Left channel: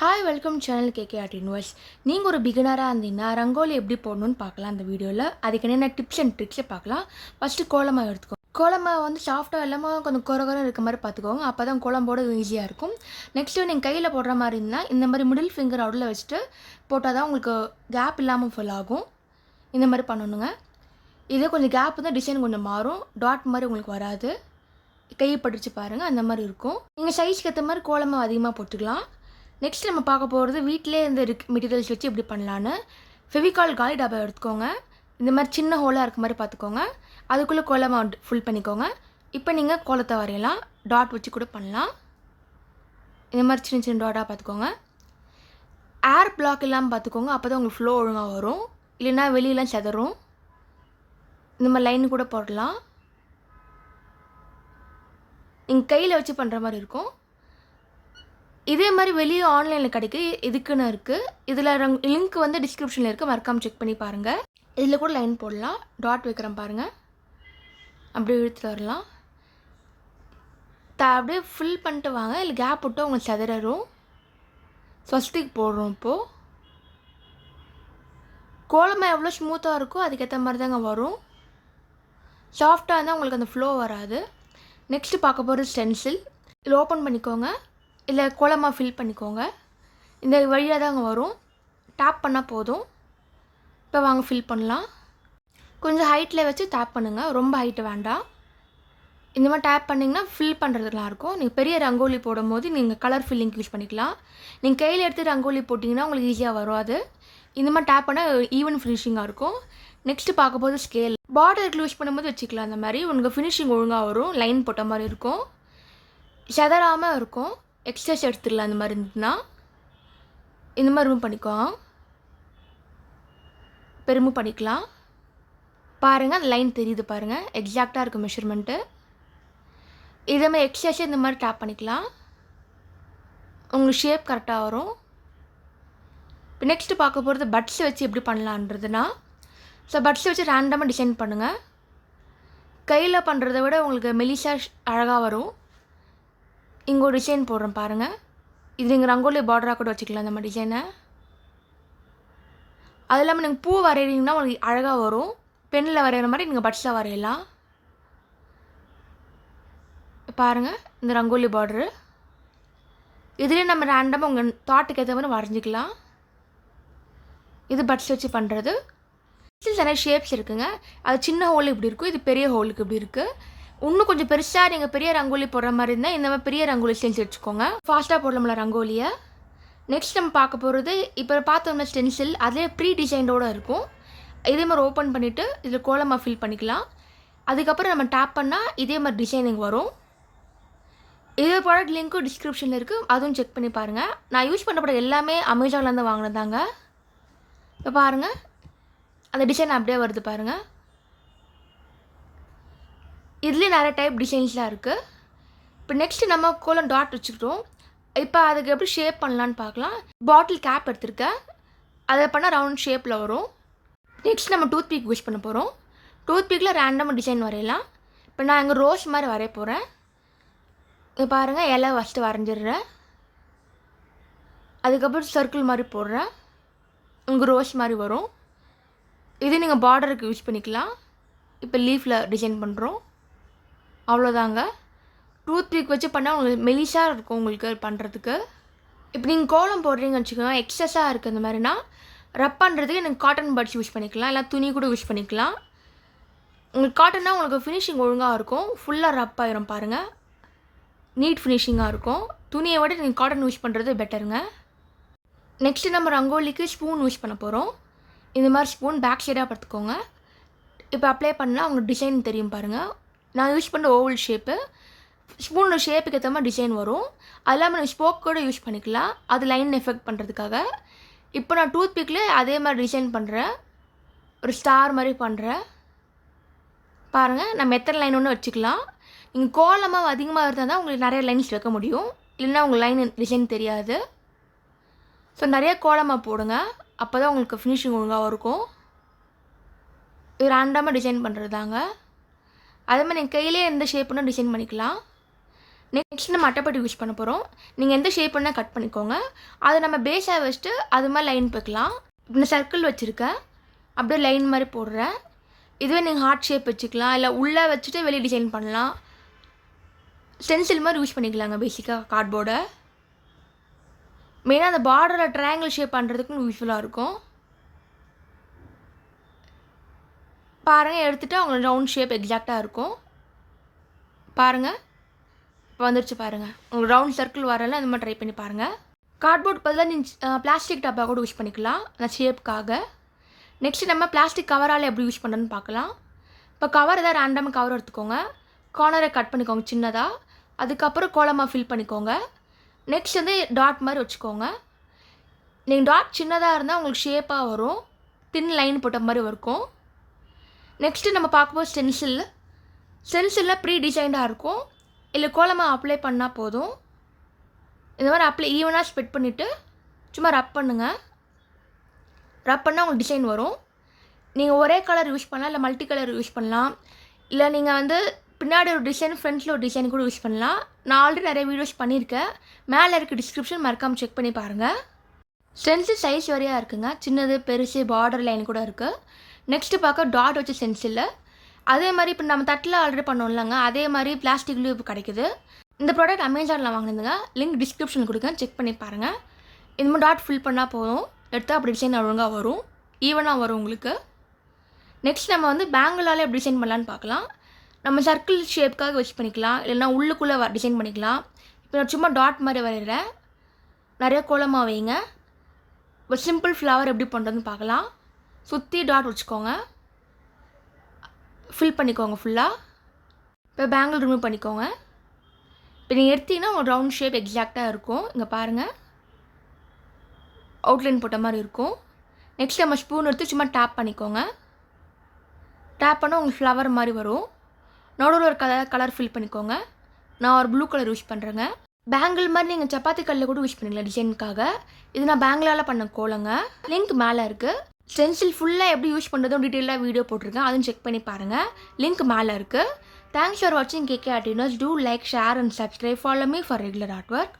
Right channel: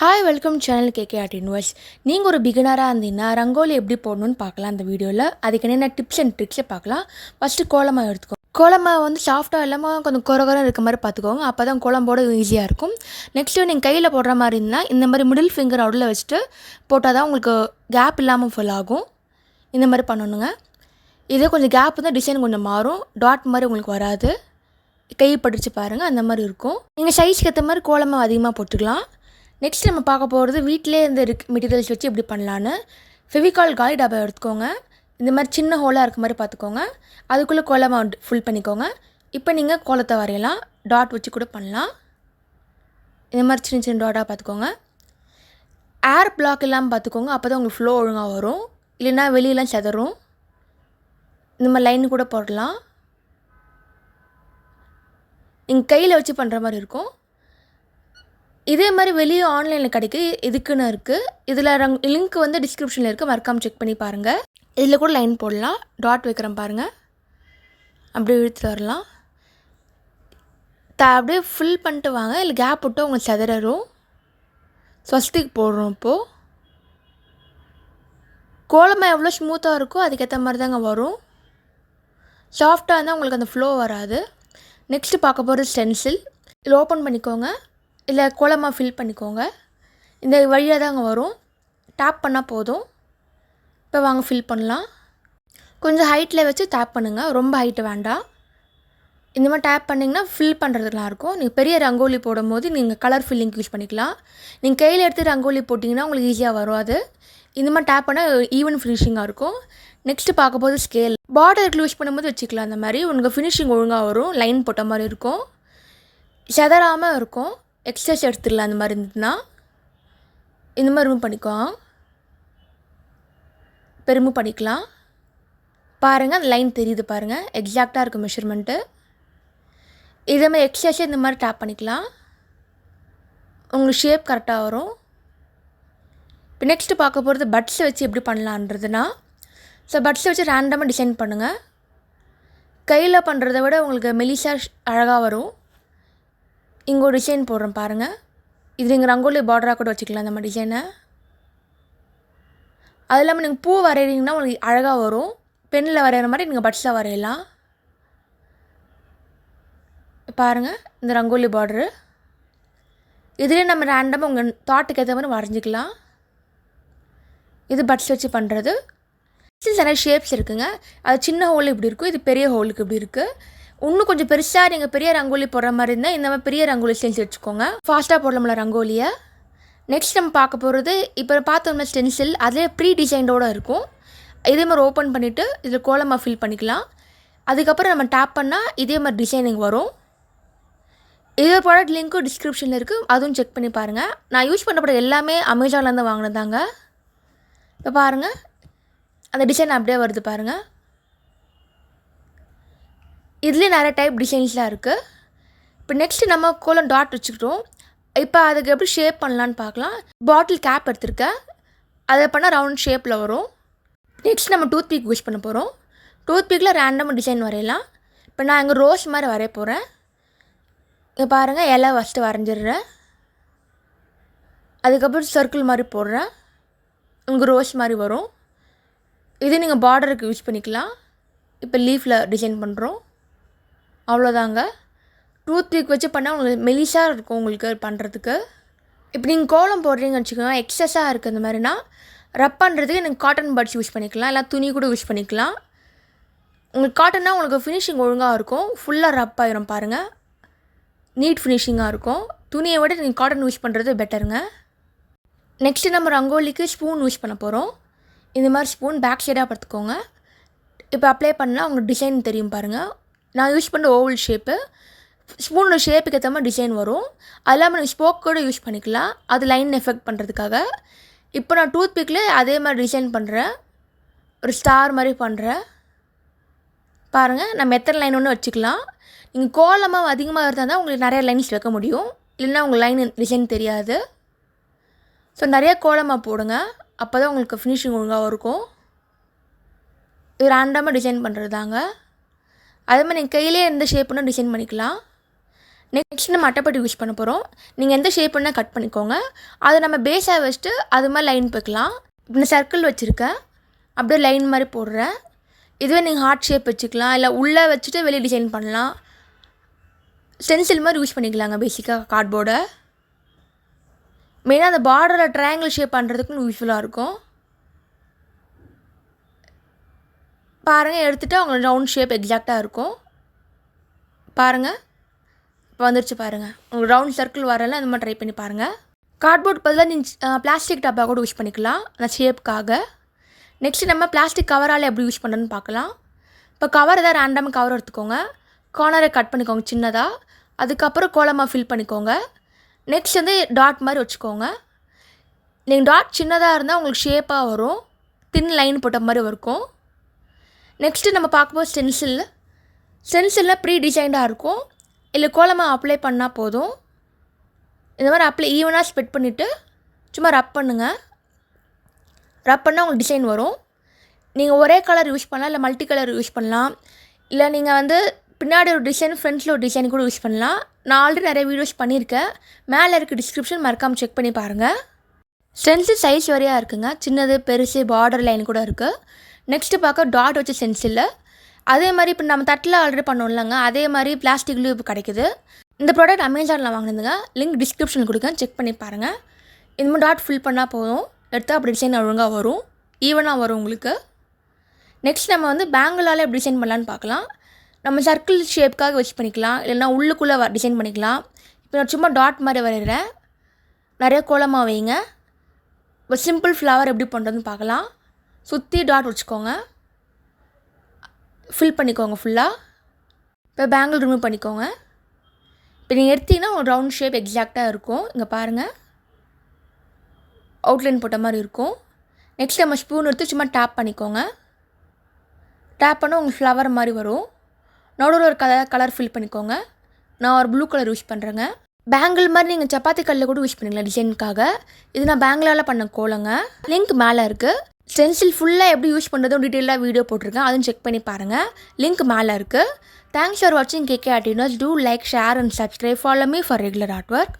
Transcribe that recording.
Hi welcome channel KK art universe நீங்கள் ஒரு பிகினராக இருந்தீங்கன்னா ரங்கோலி எப்படி போடணும்னு பார்க்கலாம் அந்த வீடியோவில் அதுக்கு என்னென்ன டிப்ஸ் அண்ட் ட்ரிக்ஸை பார்க்கலாம். ஃபஸ்ட்டு கோலமாக எடுத்துக்கோ. கோலமாக வந்து சாஃப்டாக இல்லாமல் கொஞ்சம் குறகுறம் இருக்க மாதிரி பார்த்துக்கோங்க. அப்போ தான் கோலம்போட ஈஸியாக இருக்கும். நெக்ஸ்ட்டு நீங்கள் கையில் போடுற மாதிரி இருந்தால் இந்த மாதிரி மிடில் ஃபிங்கர் அவுடில் வச்சுட்டு போட்டால் தான் உங்களுக்கு கேப் இல்லாமல் ஃபுல் ஆகும். இந்த மாதிரி பண்ணணுங்க. இதே கொஞ்சம் கேப் தான் டிசைன் கொஞ்சம் மாறும். டாட் மாதிரி உங்களுக்கு வராது. கை படிச்சு பாருங்கள் அந்த மாதிரி இருக்கும். நீங்கள் சைஸ்க்கு ஏற்ற மாதிரி கோலமாக அதிகமாக போட்டுக்கலாம். நெக்ஸ்ட் நம்ம பார்க்க போகிறது வீட்டிலே இந்த மெட்டீரியல்ஸ் வச்சு எப்படி பண்ணலான்னு. ஃபெவிகால் காலி டப்பா எடுத்துக்கோங்க. இந்த மாதிரி சின்ன ஹோலாக இருக்க மாதிரி பார்த்துக்கோங்க. அதுக்குள்ளே கோலமாக ஃபுல் பண்ணிக்கோங்க. இப்போ நீங்கள் கோலத்தை வரையலாம். டாட் வச்சு கூட பண்ணலாம். இந்த மாதிரி சின்ன சின்ன டாட்டாக பார்த்துக்கோங்க. ஏர் பிளாக் இல்லாமல் பார்த்துக்கோங்க. அப்போ தான் உங்களுக்கு ஃப்ளோ ஒழுங்காக வரும். இல்லைன்னா வெளியெலாம் செதறும். இந்த மாதிரி லைன் கூட போடலாம். நீங்கள் கையில் வச்சு பண்ணுற மாதிரி இருக்கும். இதே மாதிரி வெளியே ஆன்லைனில் கிடைக்க இதுக்குன்னு இருக்குது இதில் ரங் லிங்க் வந்து டிஸ்கிரிப்ஷனில் இருக்குது மறக்காமல் செக் பண்ணி பாருங்கள் இதில் கூட லைன் போடலாம். டாட் வைக்கிறேன் பாருங்கள் அப்படியே இழுத்துட்டு வரலாம். த அப்படியே ஃபில் பண்ணிட்டு வாங்க. இல்லை கேப் விட்டு உங்களுக்கு செதறரும். ஸ்வஸ்திக்கு போடுறோம் இப்போது கோலமாக எவ்வளோ ஸ்மூத்தாக இருக்கோ அதுக்கேற்ற மாதிரி தாங்க வரும் சாஃப்டாக இருந்தால் உங்களுக்கு அந்த ஃப்ளோ வராது. நெக்ஸ்ட்டு பார்க்க போகிறது ஸ்டென்சில் இதில் ஓப்பன் பண்ணிக்கோங்க. இல்லை கோலமாக ஃபில் பண்ணிக்கோங்க. இந்த வழியாக தாங்க வரும். டேப் பண்ணால் போதும். இப்போ வாங்க ஃபில் பண்ணலாம். கொஞ்சம் ஹைட்டில் வச்சு டேப் பண்ணுங்கள் ரொம்ப ஹைட்டு வேண்டாம். இந்த மாதிரி டேப் பண்ணிங்கன்னா ஃபில் பண்ணுறதுலாம் இருக்கும் நீங்கள் பெரிய ரங்கோலி போடும்போது நீங்கள் கலர் ஃபில்லிங் யூஸ் பண்ணிக்கலாம். நீங்கள் கையில் எடுத்து ரங்கோலி போட்டிங்கன்னா உங்களுக்கு ஈஸியாக வரும் அது இந்த மாதிரி டேப் பண்ணால் ஈவன் ஃபினிஷிங்காக இருக்கும். நெக்ஸ்ட்டு பார்க்கும்போது ஸ்கேல் பார்டருக்கு யூஸ் பண்ணும்போது வச்சுக்கலாம். அந்த மாதிரி உங்களுக்கு ஃபினிஷிங் ஒழுங்காக வரும். லைன் போட்ட மாதிரி இருக்கும். செதறாமல் இருக்கும். எக்ஸஸ் எடுத்துடலாம் அந்த மாதிரி இருந்ததுன்னா? இந்த மாதிரி ரிமூவ் பண்ணிக்கோ. இப்போ ரிமூவ் பண்ணிக்கலாம். பாருங்கள் அந்த லைன் தெரியுது பாருங்கள் எக்ஸாக்டாக இருக்கும் மெஷர்மெண்ட்டு இதே மாதிரி எக்ஸஸே இந்த மாதிரி டேப் பண்ணிக்கலாம். உங்களுக்கு ஷேப் கரெக்டாக வரும். இப்போ நெக்ஸ்ட்டு பார்க்க போகிறது பட்ஸை வச்சு எப்படி பண்ணலான்றதுனா ஸோ பட்ஸை வச்சு ரேண்டமாக டிசைன் பண்ணுங்கள் கையில் பண்ணுறத விட உங்களுக்கு மெலிசா அழகாக வரும். இங்கே ஒரு டிசைன் போடுறேன் பாருங்கள் இது நீங்கள் ரங்கோலி பார்டராக கூட வச்சுக்கலாம் நம்ம டிசைனை அது இல்லாமல் நீங்கள் பூ வரைகிறீங்கன்னா உங்களுக்கு அழகாக வரும். பெண்ணில் வரைகிற மாதிரி நீங்கள் பட்ஸில் வரையலாம். பாருங்கள் இந்த ரங்கோலி பார்டரு இதுலேயே நம்ம ரேண்டமாக உங்கள் தாட்டுக்கு ஏற்ற மாதிரி வரைஞ்சிக்கலாம். இது பட்ஸ் வச்சு பண்ணுறது நிறைய ஷேப்ஸ் இருக்குங்க. அது சின்ன ஹோல் இப்படி இருக்கும் இது பெரிய ஹோலுக்கு இப்படி இருக்குது இன்னும் கொஞ்சம் பெருசாக நீங்கள் பெரிய ரங்கோலி போடுற மாதிரி இருந்தால் இந்த மாதிரி பெரிய ரங்கோலி செஞ்சு வச்சுக்கோங்க ஃபாஸ்ட்டாக போடலாம்ல ரங்கோலியை. நெக்ஸ்ட் நம்ம பார்க்க போகிறது இப்போ பார்த்தோம்னா ஸ்டென்சில் அதிலே ப்ரீ டிசைன்டோடு இருக்கும். இதே மாதிரி ஓப்பன் பண்ணிவிட்டு இதில் கோலமாக ஃபில் பண்ணிக்கலாம். அதுக்கப்புறம் நம்ம டேப் பண்ணால் இதே மாதிரி டிசைனிங் வரும். இதே ப்ராடக்ட் லிங்க்கும் டிஸ்கிரிப்ஷனில் இருக்குது அதுவும் செக் பண்ணி பாருங்கள் நான் யூஸ் பண்ணப்பட எல்லாமே அமேசான்லேருந்து வாங்கினதாங்க இப்போ பாருங்கள் அந்த டிசைன் அப்படியே வருது பாருங்கள் இதுலேயே நிறைய டைப் டிசைன்ஸ்லாம் இருக்குது இப்போ நெக்ஸ்ட்டு நம்ம கோலம் டாட் வச்சுக்கிட்டோம். இப்போ அதுக்கு எப்படி ஷேப் பண்ணலான்னு பார்க்கலாம். பாட்டில் கேப் எடுத்திருக்கேன். அதை பண்ணால் ரவுண்ட் ஷேப்பில் வரும். நெக்ஸ்ட் நம்ம டூத் பீக் யூஸ் பண்ண போகிறோம் டூத் பீக்கில் ரேண்டமாக டிசைன் வரையலாம். இப்போ நான் இங்கே ரோஸ் மாதிரி வரைய போகிறேன் இங்கே பாருங்கள் இலை ஃபஸ்ட்டு வரைஞ்சிடுறேன். அதுக்கப்புறம் சர்க்கிள் மாதிரி போடுறேன். உங்கள் ரோஸ் மாதிரி வரும். இது நீங்கள் பார்டருக்கு யூஸ் பண்ணிக்கலாம். இப்போ லீஃபில் டிசைன் பண்ணுறோம் அவ்வளோதாங்க. டூத் பீக் வச்சு பண்ணால் உங்களுக்கு மெலிசாக இருக்கும் உங்களுக்கு பண்ணுறதுக்கு இப்போ நீங்கள் கோலம் போடுறீங்கன்னு வச்சுக்கோங்க எக்ஸஸாக இருக்குது அந்த மாதிரினா ரப் பண்ணுறதுக்கு நீங்கள் காட்டன் பட்ஸ் யூஸ் பண்ணிக்கலாம் இல்லை துணி கூட யூஸ் பண்ணிக்கலாம். உங்களுக்கு காட்டன்னா உங்களுக்கு ஃபினிஷிங் ஒழுங்காக இருக்கும் ஃபுல்லாக ரப் ஆயிரும் பாருங்கள் நீட் ஃபினிஷிங்காக இருக்கும். துணியை விட நீங்கள் காட்டன் யூஸ் பண்ணுறது பெட்டருங்க நெக்ஸ்ட்டு நம்ம ரங்கோலிக்கு ஸ்பூன் யூஸ் பண்ண போகிறோம் இந்த மாதிரி ஸ்பூன் பேக் சைடாக பார்த்துக்கோங்க இப்போ அப்ளை பண்ணால் உங்களுக்கு டிசைன் தெரியும் பாருங்கள் நான் யூஸ் பண்ணுற ஓவல் ஷேப்பு ஸ்பூனோட ஷேப்புக்கு ஏற்ற மாதிரி டிசைன் வரும். அது இல்லாமல் நீங்கள் ஸ்போக் கூட யூஸ் பண்ணிக்கலாம். அது லைன் எஃபெக்ட் பண்ணுறதுக்காக இப்போ நான் டூத் பிக்கில் அதே மாதிரி டிசைன் பண்ணுறேன் ஒரு ஸ்டார் மாதிரி பண்ணுறேன் பாருங்கள் நம்ம எத்தனை லைன் ஒன்று வச்சுக்கலாம். நீங்கள் கோலமாக அதிகமாக இருந்தால் தான் உங்களுக்கு நிறைய லைன்ஸ் வைக்க முடியும். இல்லைன்னா உங்கள் லைன் டிசைன் தெரியாது. ஸோ நிறைய கோலமாக போடுங்க. அப்போ தான் உங்களுக்கு ஃபினிஷிங் ஒழுங்காக இருக்கும். இது ரேண்டமாக டிசைன் பண்ணுறது தாங்க அதே மாதிரி நீங்கள் கையிலே எந்த ஷேப்புனா டிசைன் பண்ணிக்கலாம். நெக்ஸ்ட் நம்ம அட்டைப்பட்டி யூஸ் பண்ண போகிறோம் நீங்கள் எந்த ஷேப் பண்ணால் கட் பண்ணிக்கோங்க. அதை நம்ம பேஸாக வச்சுட்டு அது மாதிரி லைன் போய்க்கலாம். இந்த சர்க்கிள் வச்சுருக்கேன் அப்படியே லைன் மாதிரி போடுறேன். இதுவே நீங்கள் ஹார்ட் ஷேப் வச்சுக்கலாம். இல்லை உள்ளே வச்சுட்டு வெளியே டிசைன் பண்ணலாம். ஸ்டென்சில் மாதிரி யூஸ் பண்ணிக்கலாங்க பேசிக்காக கார்ட்போர்டை மெயினாக அந்த பார்டரில் ட்ரையாங்கிள் ஷேப் பண்ணுறதுக்கும் யூஸ்ஃபுல்லாக இருக்கும். பாருங்கள் எடுத்துகிட்டு அவங்களுக்கு ரவுண்ட் ஷேப் எக்ஸாக்டாக இருக்கும். பாருங்கள் இப்போ வந்துருச்சு பாருங்கள் உங்களுக்கு ரவுண்ட் சர்க்கிள் வரல அந்த மாதிரி ட்ரை பண்ணி பாருங்கள் கார்ட்போர்ட் பதிலாக நீங்கள் பிளாஸ்டிக் டப்பா கூட யூஸ் பண்ணிக்கலாம். அந்த ஷேப்புக்காக நெக்ஸ்ட்டு நம்ம பிளாஸ்டிக் கவரால் எப்படி யூஸ் பண்ணுறதுன்னு பார்க்கலாம் இப்போ கவர் ஏதாவது ரேண்டமாக கவர் எடுத்துக்கோங்க. கார்னரை கட் பண்ணிக்கோங்க சின்னதாக அதுக்கப்புறம் கோலமாக ஃபில் பண்ணிக்கோங்க. நெக்ஸ்ட் வந்து டாட் மாதிரி வச்சுக்கோங்க. நீங்கள் டாட் சின்னதாக இருந்தால் உங்களுக்கு ஷேப்பாக வரும். தின் லைன் போட்ட மாதிரி இருக்கும். நெக்ஸ்ட்டு நம்ம பார்க்கும்போது ஸ்டென்சில் ஸ்டென்சிலில் ப்ரீ டிசைன்டாக இருக்கும். இல்லை கோலமாக அப்ளை பண்ணால் போதும். இந்த மாதிரி அப்ளை ஈவனாக ஸ்ப்ரெட் பண்ணிவிட்டு சும்மா ரப் பண்ணுங்கள் ரப் பண்ணால் உங்களுக்கு டிசைன் வரும். நீங்கள் ஒரே கலர் யூஸ் பண்ணலாம் இல்லை மல்டி கலர் யூஸ் பண்ணலாம். இல்லை நீங்கள் வந்து பின்னாடி ஒரு டிசைன் ஃப்ரண்ட்ஸில் ஒரு டிசைன் கூட யூஸ் பண்ணலாம். நான் ஆல்ரெடி நிறைய வீடியோஸ் பண்ணியிருக்கேன். மேலே இருக்க டிஸ்கிரிப்ஷன் மறக்காமல் செக் பண்ணி பாருங்கள் ஸ்டென்சில் சைஸ் வரையாக இருக்குங்க. சின்னது பெருசு பார்டர் லைன் கூட இருக்குது நெக்ஸ்ட்டு பார்க்க டாட் வச்ச சென்சில் அதே மாதிரி இப்போ நம்ம தட்டில் ஆர்டர் பண்ணோம்லங்க அதே மாதிரி பிளாஸ்டிக்லேயும் இப்போ கிடைக்குது. இந்த ப்ராடக்ட் அமேசானில் வாங்கினதுங்க. லிங்க் டிஸ்கிரிப்ஷனில் கொடுக்க செக் பண்ணி பாருங்கள் இந்த மாதிரி டாட் ஃபில் பண்ணால் போதும். எடுத்தால் அப்படி டிசைன் ஒழுங்காக வரும். ஈவனாக வரும் உங்களுக்கு. நெக்ஸ்ட் நம்ம வந்து பேங்கிளால் எப்படி டிசைன் பண்ணலான்னு பார்க்கலாம். நம்ம சர்க்கிள் ஷேப்க்காக வச்சு பண்ணிக்கலாம். இல்லைன்னா உள்ளுக்குள்ளே டிசைன் பண்ணிக்கலாம். இப்போ நான் சும்மா டாட் மாதிரி வரைகிறேன் நிறைய கோலமாக வைங்க. இப்போ சிம்பிள் ஃப்ளவர் எப்படி பண்ணுறதுன்னு பார்க்கலாம். சுற்றி டாட் வச்சுக்கோங்க. ஃபில் பண்ணிக்கோங்க ஃபுல்லாக இப்போ பேங்கிள் ரிமூவ் பண்ணிக்கோங்க. இப்போ நீங்கள் எடுத்தீங்கன்னா உங்கள் ரவுண்ட் ஷேப் எக்ஸாக்டாக இருக்கும். இங்கே பாருங்கள் அவுட்லைன் போட்ட மாதிரி இருக்கும். நெக்ஸ்ட் நம்ம ஸ்பூன் எடுத்து சும்மா டேப் பண்ணிக்கோங்க. டேப் பண்ணால் உங்களுக்கு ஃப்ளவர் மாதிரி வரும். நடுவில் ஒரு கலர் கலர் ஃபில் பண்ணிக்கோங்க. நான் ஒரு ப்ளூ கலர் யூஸ் பண்ணுறேங்க பேங்கிள் மாதிரி நீங்கள் சப்பாத்தி கல்லில் கூட யூஸ் பண்ணிக்கலாம் டிசைனுக்காக இது நான் பேங்கிளால் பண்ண கோலங்க. லிங்க் மேலே இருக்குது ஸ்டென்சில் ஃபுல்லாக எப்படி யூஸ் பண்ணுறதும் டீட்டெயிலாக வீடியோ போட்டிருக்கேன். அதுவும் செக் பண்ணி பாருங்கள் லிங்க் மேலே இருக்குது தேங்க்ஸ் ஃபார் வாட்சிங் KK ஆர்டினோஸ் do like share and subscribe follow me for regular art work